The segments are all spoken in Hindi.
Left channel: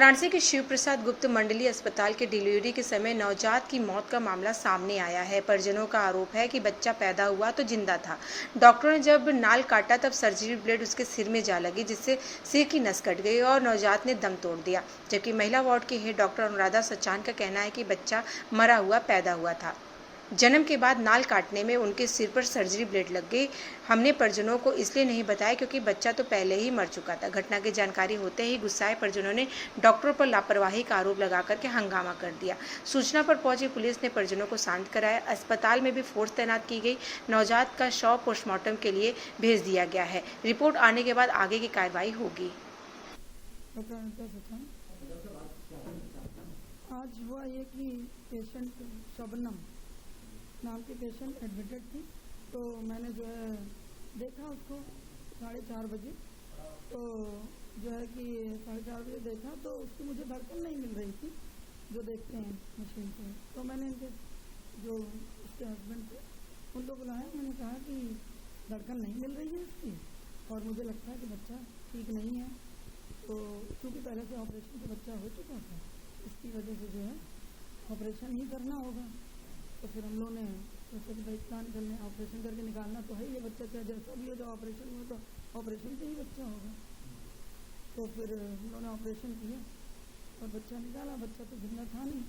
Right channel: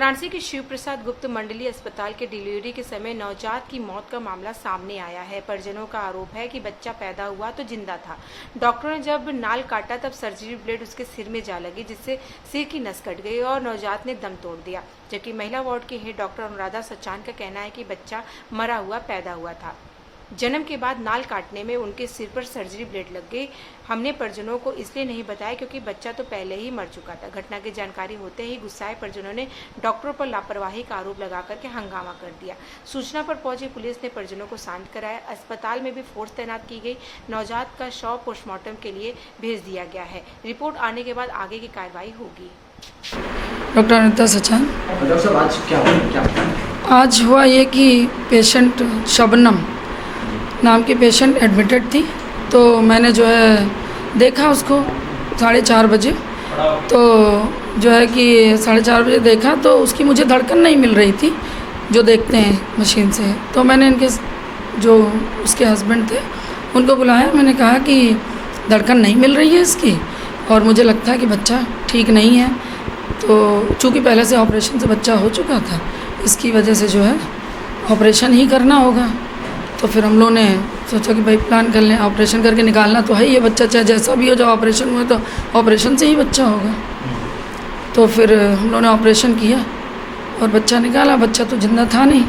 वाराणसी के शिव प्रसाद गुप्त मंडली अस्पताल के डिलीवरी के समय नवजात की मौत का मामला सामने आया है। परिजनों का आरोप है कि बच्चा पैदा हुआ तो जिंदा था। डॉक्टरों ने जब नाल काटा तब सर्जरी ब्लेड उसके सिर में जा लगी, जिससे सिर की नस कट गई और नवजात ने दम तोड़ दिया। जबकि महिला वार्ड की हेड डॉक्टर अनुराधा सचान का कहना है कि बच्चा मरा हुआ पैदा हुआ था। जन्म के बाद नाल काटने में उनके सिर पर सर्जरी ब्लेड लग गई। हमने परिजनों को इसलिए नहीं बताया क्योंकि बच्चा तो पहले ही मर चुका था। घटना की जानकारी होते ही गुस्साए परिजनों ने डॉक्टरों पर लापरवाही का आरोप लगा करके हंगामा कर दिया। सूचना पर पहुंची पुलिस ने परिजनों को शांत कराया। अस्पताल में भी फोर्स तैनात की गई। नवजात का शव पोस्टमार्टम के लिए भेज दिया गया है। रिपोर्ट आने के बाद आगे की कार्रवाई होगी। डॉक्टर अनुराधा सचान। डॉक्टर साहब आज क्या आज हुआ ये कि पेशेंट शबनम नाम की पेशेंट एडमिटेड थी, तो मैंने जो है देखा उसको 4:30 बजे। तो जो है कि 4:30 बजे देखा तो उसकी मुझे धड़कन नहीं मिल रही थी जो देखते हैं मशीन से। तो मैंने इनके जो उसके हस्बैंड थे उनको बुलाया। मैंने कहा कि धड़कन नहीं मिल रही है इसकी और मुझे लगता है कि बच्चा ठीक नहीं है। तो चूँकि पहले से ऑपरेशन से बच्चा हो चुका था, इसकी वजह से जो है ऑपरेशन ही करना होगा। तो फिर हम लोगों ने सोचा कि भाई प्लान कर लें, ऑपरेशन करके निकालना तो है ये बच्चा, चाहे जैसा भी हो। जब ऑपरेशन हुआ तो ऑपरेशन से ही बच्चा होगा। तो फिर हम लोगों ने ऑपरेशन किया और बच्चा निकाला। बच्चा तो जिंदा था नहीं,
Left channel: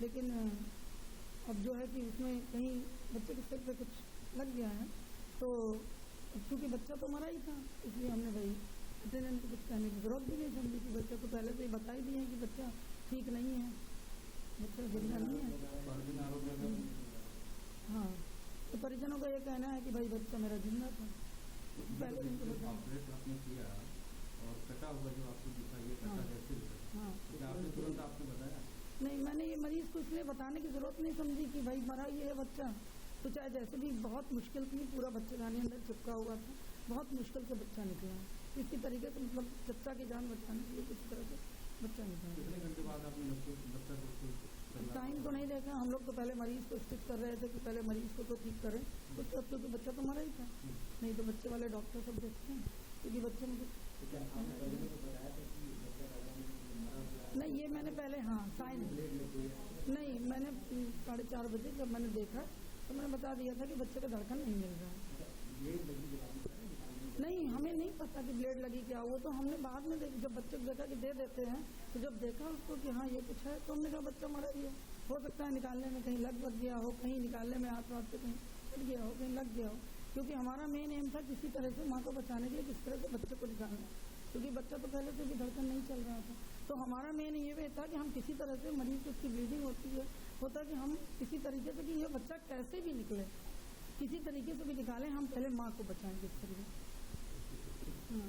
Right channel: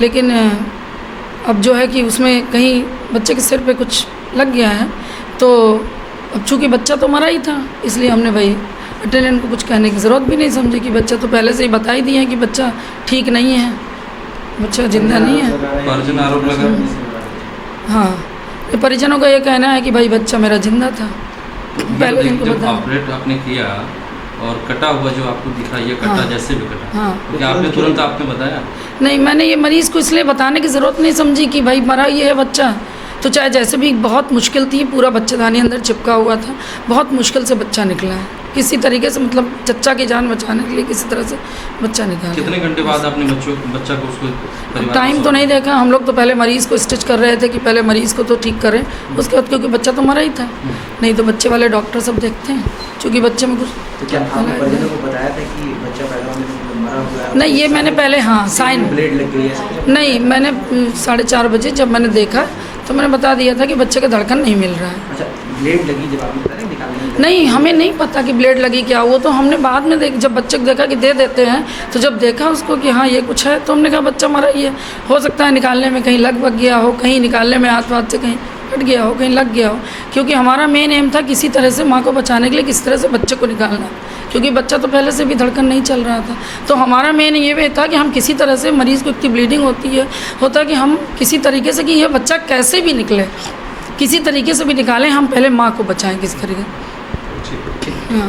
लेकिन अब जो है कि उसमें कहीं बच्चे के सिर पे कुछ लग गया है। तो अब चूँकि बच्चा तो मरा ही था, इसलिए हमने भाई अटेंडेंट को कुछ कहने की ज़रूरत भी नहीं समझी कि बच्चा तो पहले से ही बता ही दिया है कि बच्चा ठीक नहीं है, बच्चा जिंदा नहीं है। परिजन आरोप लगा। हाँ, परिजनों का ये कहना है कि भाई बच्चा मेरा जिंदा था। पहले इनको जब बता। ऑपरेट आपने किया और कटा हुआ जो आपको दिखा, ये कटा हाँ, जैसे भी कटा, हाँ। क्या आपने तुरंत आपने बताया? नहीं, मैंने ये मरीज़ को इसलिए बताने की ज़रूरत नहीं समझी कि भाई मरा ये है बच्चा। तो चाहे जैसे भी, बहुत मुश्किल थी, पूरा बच्चेदानी अंदर चिपका हुआ था, बहुत मुश्किल से बच्चा निकला है किसी तरीके से, मतलब चच्चा की जान बचाने के लिए किसी तरह से बच्चा निकाला। कितने घंटे बाद आपने बच्चा को उसको टाइम तो नहीं देखा हम लोग, तो पहले मरीज़ को स्टिच कर रहे थे कि पहले मरीज़ को तो ठीक करें, उसके बाद क्योंकि बच्चा तो मरा ही था। नहीं तो बच्चे वाले डॉक्टर सब देखते हैं, क्योंकि बच्चे में कुछ तो क्या आपने परिजनों को बताया था कि बच्चा पैदा होने में मरा हुआ है? नहीं, ये मैंने पहले हाँ साइन ब्लेड लग गई है? नहीं, मैंने 4:30 बजे जब मैंने देखा तो मैंने बता दिया था कि बच्चे का धड़कन नहीं मिल रहा है। अच्छा, ब्लेड लगी जब आपने बताया निकालने में? नहीं, हमें नहीं पता कि ब्लेड लगी क्या, वो तो हमने बाद में जब बच्चे को देखा कि दे देते हैं, तो जब देखा उसको कि हाँ ये कुछ है, तो हमने कहा बच्चा मरा ही है। हो सकता है निकालने में कहीं लग गया हो, कहीं निकालने में हाथ से कहीं कट गया हो, कहीं लग गया हो। क्योंकि हमारा मेन एम था किसी तरह से माँ को बचाने के लिए किस तरह से बच्चे को निकालना, क्योंकि बच्चा तो पहले से भी धड़कन नहीं चल रहा था। तो हमारा मेन ये था कि हम किसी तरह से, मरीज़ को इतनी ब्लीडिंग होता है कि हम किसी तरीके से कि यह बच्चा कैसे भी निकले, किसी तरीके से भी निकालें, हम पहले माँ को बचाएं किस तरीके। हाँ।